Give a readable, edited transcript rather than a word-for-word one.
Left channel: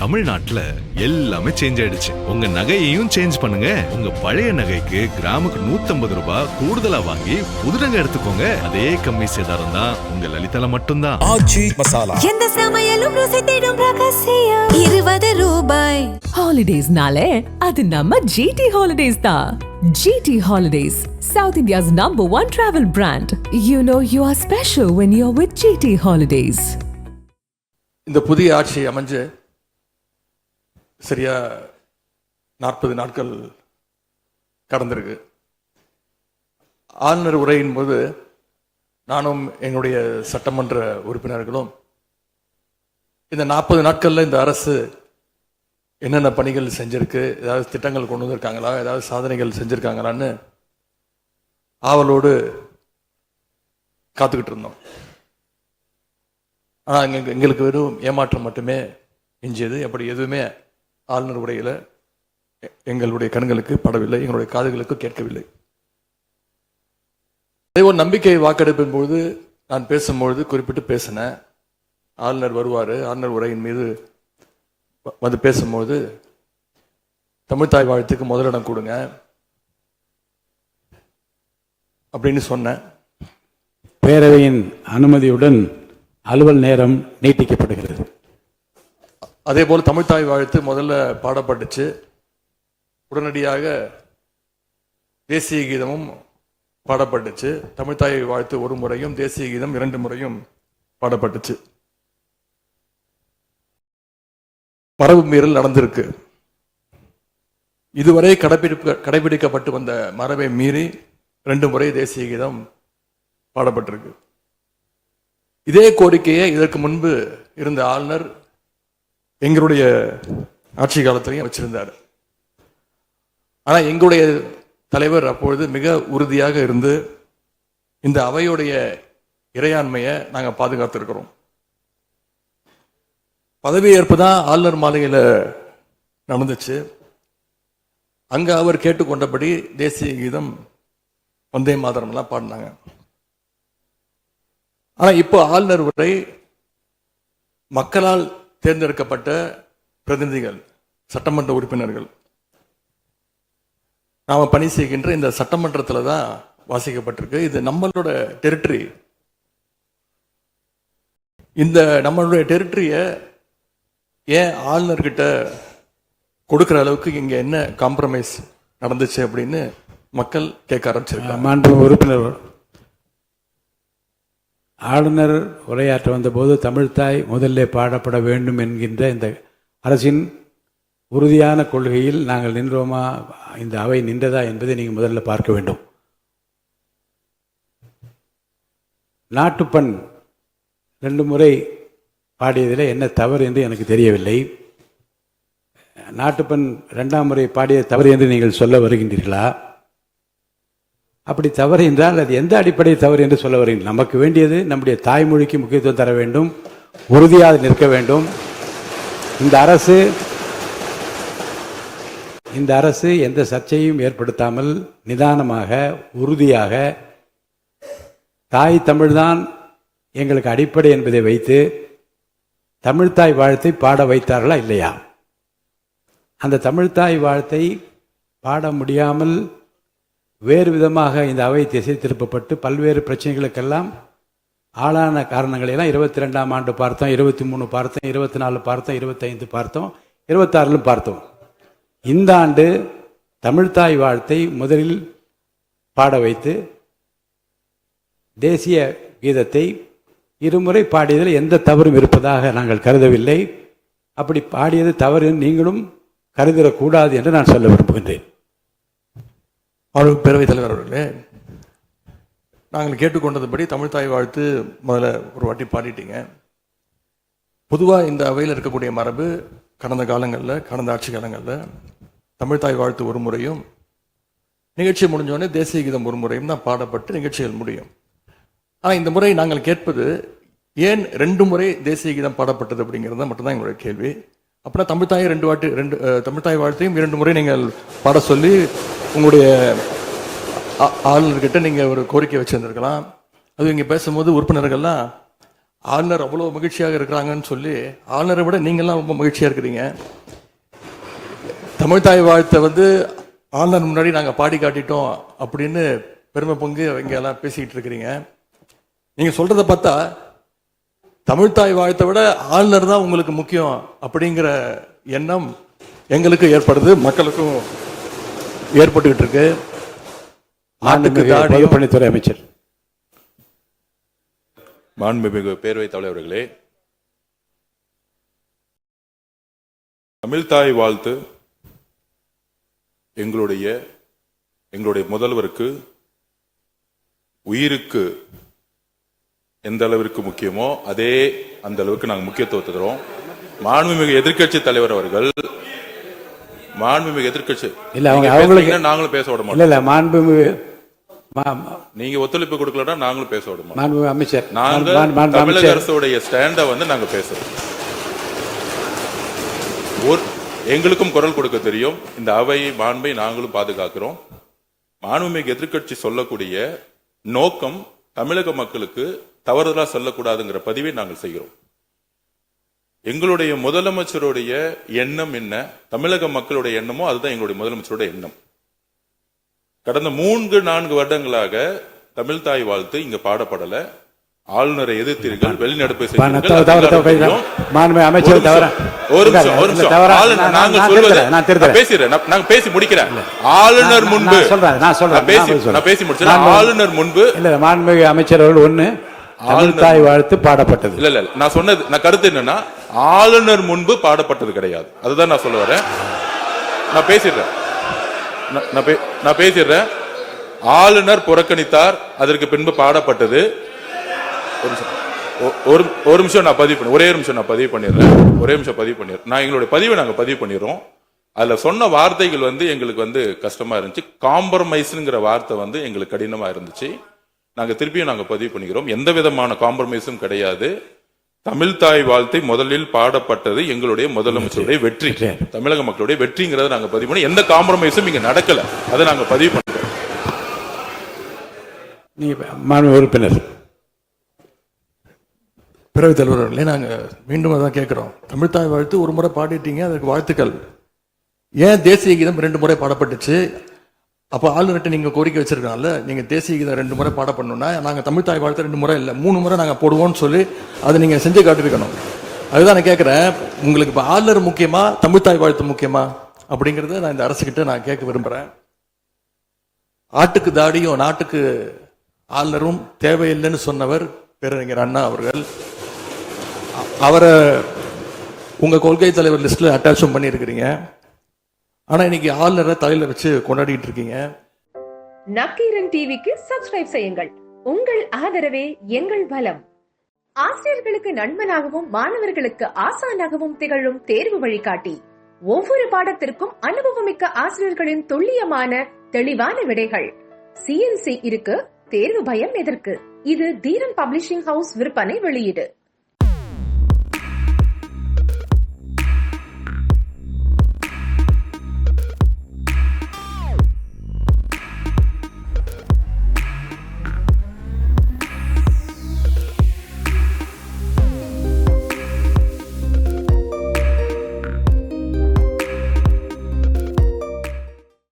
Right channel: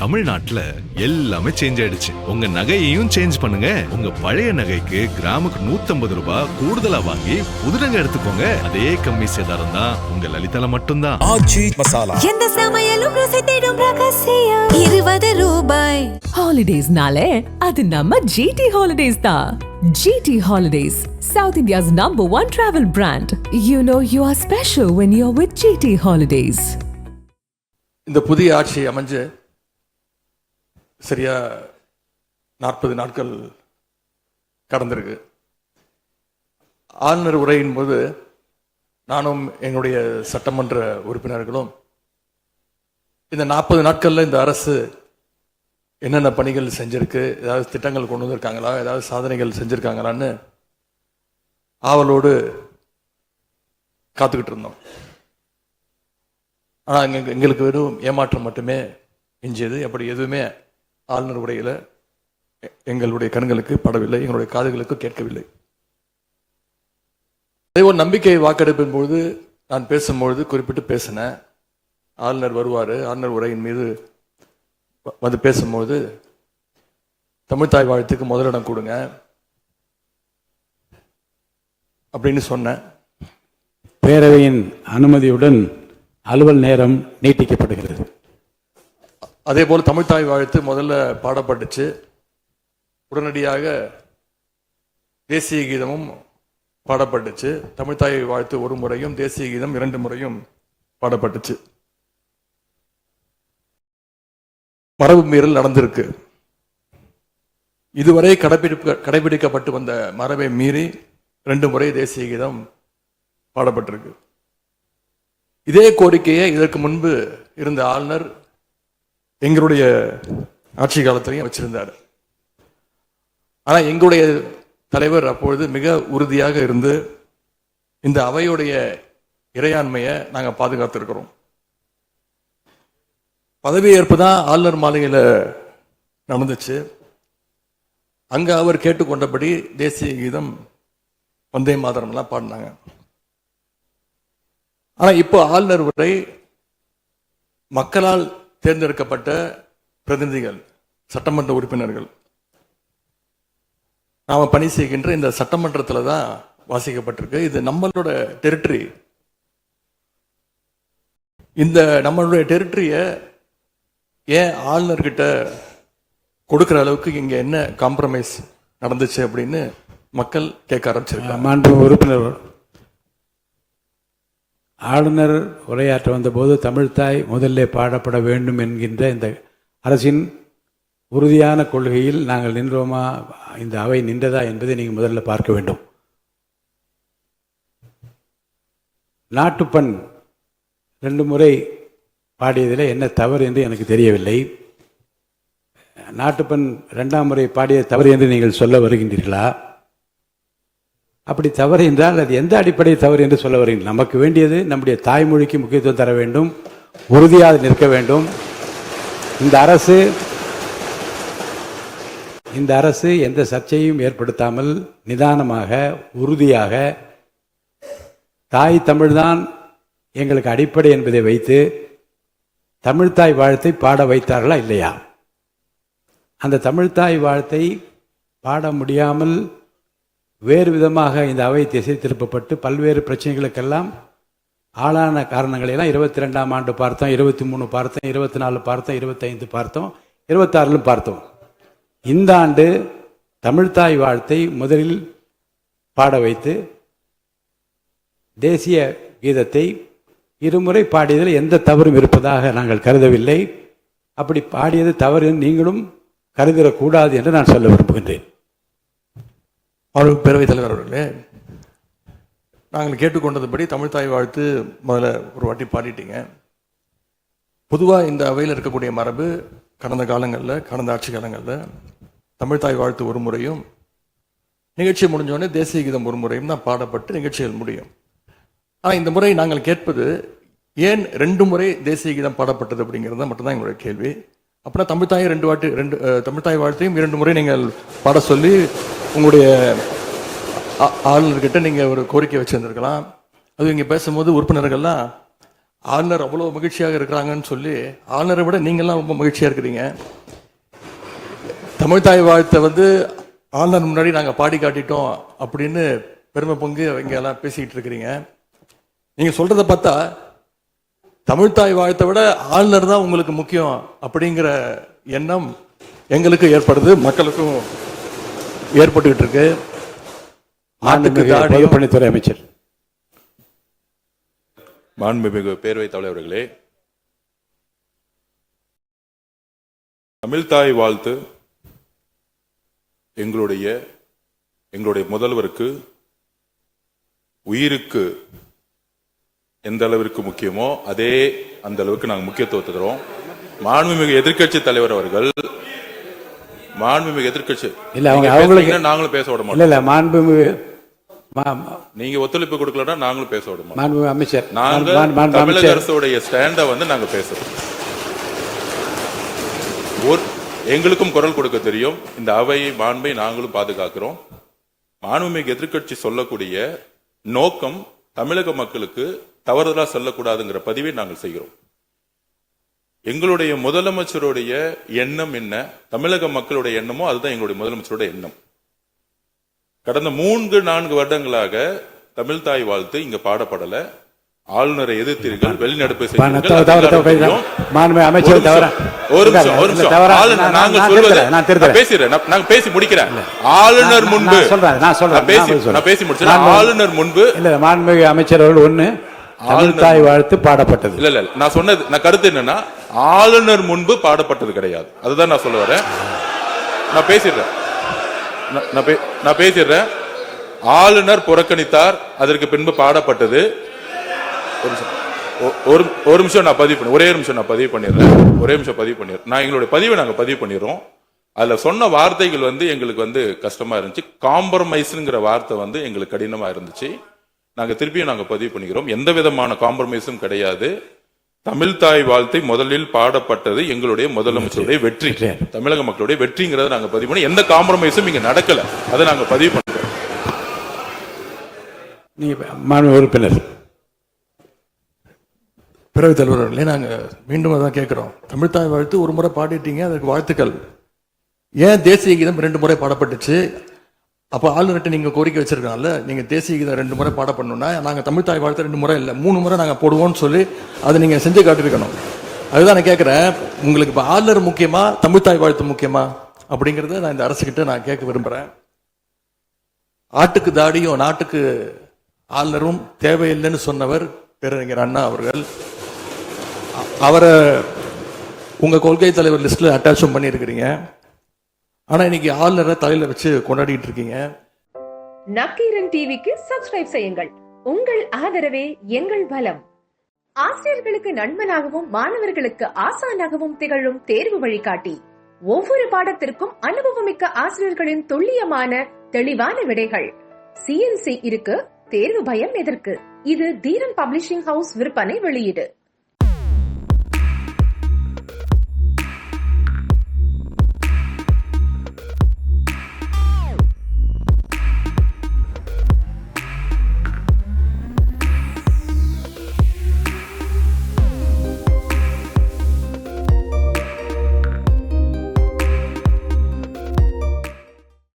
தமிழ்நாட்டுல எல்லாமே சேஞ்ச் ஆயிடுச்சு. உங்க நகையையும் சேஞ்ச் பண்ணுங்க. உங்க பழைய நகைக்கு கிராமுக்கு 150 ரூபாய் கூடுதலா வாங்கி புது நகை எடுத்துக்கோங்க. அதே கம்மி சேதாரம் தான் உங்க லலிதால மட்டும்தான். ஆச்சி மசாலா. எந்த சமையலும் ருசி தேடும் ரகசியம் 20 ரூபாய். ஹாலிடேஸ்னாலே அது நம்ம ஜிடி ஹாலிடேஸ் தான். GT Holidays, South India's #1 travel brand. You know you are special when you're with GT Holidays. இந்த புதிய ஆட்சி அமைஞ்சு சரியா 40 நாட்கள் கடந்திருக்கு. ஆளுநர் உரையின் போது நானும் எங்களுடைய சட்டமன்ற உறுப்பினர்களும் இந்த 40 நாட்கள்ல இந்த அரசு என்னென்ன பணிகள் செஞ்சிருக்கு, ஏதாவது திட்டங்கள் கொண்டு வந்திருக்காங்களா, ஏதாவது சாதனைகள் செஞ்சிருக்காங்களான்னு ஆவலோடு காத்துக்கிட்டு இருந்தோம். எங்களுக்கு வெறும் ஏமாற்றம் மட்டுமே எஞ்சியது. அப்படி எதுவுமே ஆளுநர் உரையில எங்களுடைய கண்களுக்கு படவில்லை, எங்களுடைய காதுகளுக்கு கேட்கவில்லை. அதே ஒரு நம்பிக்கை வாக்கெடுப்பின் போது நான் பேசும்பொழுது குறிப்பிட்டு பேசினேன். ஆளுநர் வருவாரு, ஆளுநர் உரையின் மீது வந்து பேசும்போது தமிழ்தாய் வாழ்த்துக்கு முதலிடம் கொடுங்க அப்படின்னு சொன்னேன். பேரவையின் அனுமதியுடன் அலுவல் நேரம் நீட்டிக்கப்படுகிறது. அதே போல தமிழ்தாய் வாழ்த்து முதல்ல பாடப்பட்டுச்சு. உடனடியாக தேசிய கீதமும் பாடப்பட்டுச்சு. தமிழ்தாய் வாழ்த்து ஒரு முறையும் தேசிய கீதம் 2 முறையும் பாடப்பட்டுச்சு. மரபு மீறல் நடந்திருக்கு. இதுவரை கடைபிடிக்கப்பட்டு வந்த மரபை மீறி 2 முறை தேசிய கீதம் பாடப்பட்டிருக்கு. இதே கோரிக்கையை இதற்கு முன்பு இருந்த ஆளுநர் எங்களுடைய ஆட்சி காலத்திலையும் வச்சிருந்தார். ஆனா எங்களுடைய தலைவர் அப்பொழுது மிக உறுதியாக இருந்து இந்த அவையுடைய இறையாண்மையை நாங்க பாதுகாத்திருக்கிறோம். பதவியேற்பு தான் ஆளுநர் மாளிகையில் நடந்துச்சு. அங்க அவர் கேட்டுக்கொண்டபடி தேசிய கீதம் வந்தே மாதரம் எல்லாம் பாடினாங்க. ஆனா இப்போ ஆளுநர் உரை மக்களால் தேர்ந்தெடுக்கப்பட்ட பிரதிநிதிகள், சட்டமன்ற உறுப்பினர்கள் நாம பணி செய்கின்ற இந்த சட்டமன்றத்துல தான் வாசிக்கப்பட்டிருக்கு. இது நம்மளோட டெரிட்டரி. இந்த நம்மளுடைய டெரிட்டரிய ஏன் ஆளுநர்கிட்ட கொடுக்கிற அளவுக்கு இங்க என்ன காம்ப்ரமைஸ் நடந்துச்சு அப்படின்னு மக்கள் கேட்க ஆரம்பிச்சிருக்காங்க. மாண்பு உறுப்பினர், ஆளுநர் உரையாற்ற வந்தபோது தமிழ்தாய் முதல்ல பாடப்பட வேண்டும் என்கின்ற இந்த அரசின் உறுதியான கொள்கையில் நாங்கள் நின்றோமா, இந்த அவை நின்றதா என்பதை நீங்கள் முதல்ல பார்க்க வேண்டும். நாட்டுப்பண் 2 முறை பாடியதில் என்ன தவறு என்று எனக்கு தெரியவில்லை. நாட்டுப்பண் 2ஆம் முறை பாடிய தவறு என்று நீங்கள் சொல்ல வருகின்றீர்களா? அப்படி தவறு என்றால் அது எந்த அடிப்படை தவறு என்று சொல்ல வருகின்றீர்கள்? நமக்கு வேண்டியது நம்முடைய தாய்மொழிக்கு முக்கியத்துவம் தர வேண்டும், உறுதியாக நிற்க வேண்டும். இந்த அரசு எந்த சர்ச்சையும் ஏற்படுத்தாமல் நிதானமாக உறுதியாக தாய் தமிழ்தான் எங்களுக்கு அடிப்படை என்பதை வைத்து தமிழ்தாய் வாழ்த்தை பாட வைத்தார்களா இல்லையா? அந்த தமிழ்தாய் வாழ்த்தை பாட முடியாமல் வேறு விதமாக இந்த அவை திசை திருப்பப்பட்டு பல்வேறு பிரச்சனைகளுக்கெல்லாம் ஆளான காரணங்களெல்லாம் 22ஆம் ஆண்டு பார்த்தோம், 23 பார்த்தோம், 24 பார்த்தோம், 25 பார்த்தோம், 26 பார்த்தோம். இந்த ஆண்டு தமிழ்தாய் வாழ்த்தை முதலில் பாட வைத்து தேசிய கீதத்தை 2 முறை பாடியதில் எந்த தவறும் இருப்பதாக நாங்கள் கருதவில்லை. அப்படி பாடியது தவறு நீங்களும் கருதிடக்கூடாது என்று நான் சொல்ல விரும்புகின்றேன். பேரவைத் தலைவர் அவர்களே, நாங்கள் கேட்டுக்கொண்டதுபடி தமிழ்தாய் வாழ்த்து முதல்ல ஒரு வாட்டி பாடிட்டீங்க. பொதுவாக இந்த அவையில் இருக்கக்கூடிய மரபு கடந்த காலங்களில், கடந்த ஆட்சி காலங்களில் தமிழ்தாய் வாழ்த்து ஒரு முறையும் நிகழ்ச்சி முடிஞ்சோடனே தேசிய கீதம் ஒரு முறையும் தான் பாடப்பட்டு நிகழ்ச்சிகள் முடியும். ஆனால் இந்த முறை நாங்கள் கேட்பது ஏன் 2 முறை தேசிய கீதம் பாடப்பட்டது அப்படிங்கிறது மட்டும்தான் எங்களுடைய கேள்வி. அப்படின்னா தமிழ்தாய் தமிழ்தாய் வாழ்த்தையும் 2 முறை நீங்கள் பாட சொல்லி உங்களுடைய ஆளுநர்கிட்ட நீங்க ஒரு கோரிக்கை வச்சிருந்திருக்கலாம். அது இங்க பேசும்போது உறுப்பினர்கள்லாம் ஆளுநர் அவ்வளவு மகிழ்ச்சியாக இருக்கிறாங்கன்னு சொல்லி ஆளுநரை விட நீங்கெல்லாம் ரொம்ப மகிழ்ச்சியா இருக்கிறீங்க. தமிழ்தாய் வாழ்த்தை ஆளுநர் முன்னாடி நாங்க பாடி காட்டிட்டோம் அப்படின்னு பெருமை பொங்கு இங்க எல்லாம் பேசிக்கிட்டு இருக்கிறீங்க. நீங்க சொல்றத பார்த்தா தமிழ்தாய் வாழ்த்தை விட ஆளுநர் தான் உங்களுக்கு முக்கியம் அப்படிங்கிற எண்ணம் எங்களுக்கு ஏற்படுது, மக்களுக்கும் ஏற்பட்டுக்கிட்டு இருக்கு. பொதுப்பணித்துறை அமைச்சர். மாண்புமிகு பேரவைத் தலைவர்களே, தமிழ்தாய் வாழ்த்து எங்களுடைய முதல்வருக்கு உயிருக்கு எந்த அளவிற்கு முக்கியமோ அதே அந்த அளவுக்கு நாங்கள் முக்கியத்துவத்தை தருவோம். மாண்புமிகு எதிர்க்கட்சி தலைவர் அவர்கள் நாங்களும் பேச விட மாட்டோம். நீங்க ஒத்துழைப்பு கொடுக்கலன்னா நாங்களும் பேச விட மாட்டோம். அமைச்சர், தமிழக அரசுடைய ஸ்டாண்ட நாங்க பேசுறோம். எங்களுக்கும் குரல் கொடுக்க தெரியும். இந்த அவை மாண்பை நாங்களும் பாதுகாக்கிறோம். மாண்புமிகு எதிர்க்கட்சி சொல்லக்கூடிய நோக்கம் தமிழக மக்களுக்கு தவறுதலா சொல்லக்கூடாதுங்கிற பதிவை நாங்கள் செய்கிறோம். எங்களுடைய முதலமைச்சருடைய எண்ணம் என்ன, தமிழக மக்களுடைய எண்ணமோ அதுதான் எங்களுடைய முதலமைச்சருடைய எண்ணம். கடந்த 3-4 வருடங்களாக தமிழ்தாய் வாழ்த்து இங்க பாடப்படல. ஆளுநரை எதிர்த்தீர்கள், வெளிநடப்பு பேசி முடிக்கிறேன். ஆளுநர் முன்பு ஆளுநர் முன்பு மாண்புமிகு அமைச்சர்கள் ஒண்ணு தமிழ்தாய் வாழ்த்து பாடப்பட்டது. இல்ல நான் சொன்னது, நான் கருத்து என்னன்னா ஆளுநர் முன்பு பாடப்பட்டது கிடையாது. அதுதான் நான் சொல்ல வரேன். நான் பேசிடுறேன். ஆளுநர் புறக்கணித்தார், அதற்கு பின்பு பாடப்பட்டது. ஒரு நிமிஷம் நான் பதிவு பண்ணி ஒரே நிமிஷம் நான் பதிவு பண்ணிடுறேன். நான் எங்களுடைய பதிவை நாங்க பதிவு பண்ணிடுறோம். அதுல சொன்ன வார்த்தைகள் எங்களுக்கு கஷ்டமா இருந்துச்சு. காம்ப்ரமைஸ்ங்கிற வார்த்தை எங்களுக்கு கடினமா இருந்துச்சு. நாங்க திருப்பியும் நாங்க பதிவு பண்ணிக்கிறோம். எந்த விதமான காம்ப்ரமைஸும் கிடையாது. தமிழ்தாய் வாழ்த்தை முதலில் பாடப்பட்டது எங்களுடைய முதலமைச்சருடைய வெற்றி, தமிழக மக்களுடைய வெற்றிங்கிறத நாங்க பதிவு பண்ணி எந்த காம்ப்ரமைஸும் இங்க நடக்கல. அதை நாங்க பதிவு பண்றோம். உறுப்பினர் பேரவைத் தலைவர்களே, நாங்க மீண்டும் அதான் கேட்கிறோம். தமிழ்தாய் வாழ்த்து ஒரு முறை பாடிட்டீங்க, அதுக்கு வாழ்த்துக்கள். ஏன் தேசிய கீதம் 2 முறை பாடப்பட்டுச்சு? அப்ப ஆளுநர்கிட்ட நீங்க கோரிக்கை வச்சிருக்காங்கல்ல, நீங்க தேசிய கீதம் 2 முறை பாட பண்ணணும்னா நாங்க தமிழ்தாய் வாழ்த்து 2 முறை இல்ல 3 முறை நாங்க போடுவோம்னு சொல்லி அதை நீங்க செஞ்சு காட்டிருக்கணும். அதுதான் நான் கேட்கிறேன். உங்களுக்கு இப்ப ஆளுநர் முக்கியமா, தமிழ்தாய் வாழ்த்து முக்கியமா அப்படிங்கறத நான் இந்த அரசுகிட்ட நான் கேட்க விரும்புறேன். ஆட்டுக்கு தாடியும் நாட்டுக்கு ஆளுநரும் தேவையில்லைன்னு சொன்னவர் பேரறிஞர் அண்ணா அவர்கள். அவரை உங்க கொள்கை தலைவர் லிஸ்ட்ல அட்டாச்சும் பண்ணிருக்கிறீங்க. ஆனா இன்னைக்கு ஆளுநரை தலையில வச்சு கொண்டாடிட்டு இருக்கீங்க. நக்கீரன் டிவிக்கு சப்ஸ்கிரைப் செய்யுங்கள். உங்கள் ஆதரவே எங்கள் பலம். ஆசிரியர்களுக்கு நண்பனாகவும் மாணவர்களுக்கு ஆசானாகவும் திகழும் தேர்வு வழிகாட்டி. ஒவ்வொரு பாடத்திற்கும் அனுபவமிக்க ஆசிரியர்களின் துல்லியமான தெளிவான விடைகள். CNC இருக்கு, தேர்வு பயம் எதற்கு? இது தீரன் பப்ளிஷிங் ஹவுஸ் விற்பனை வெளியீடு.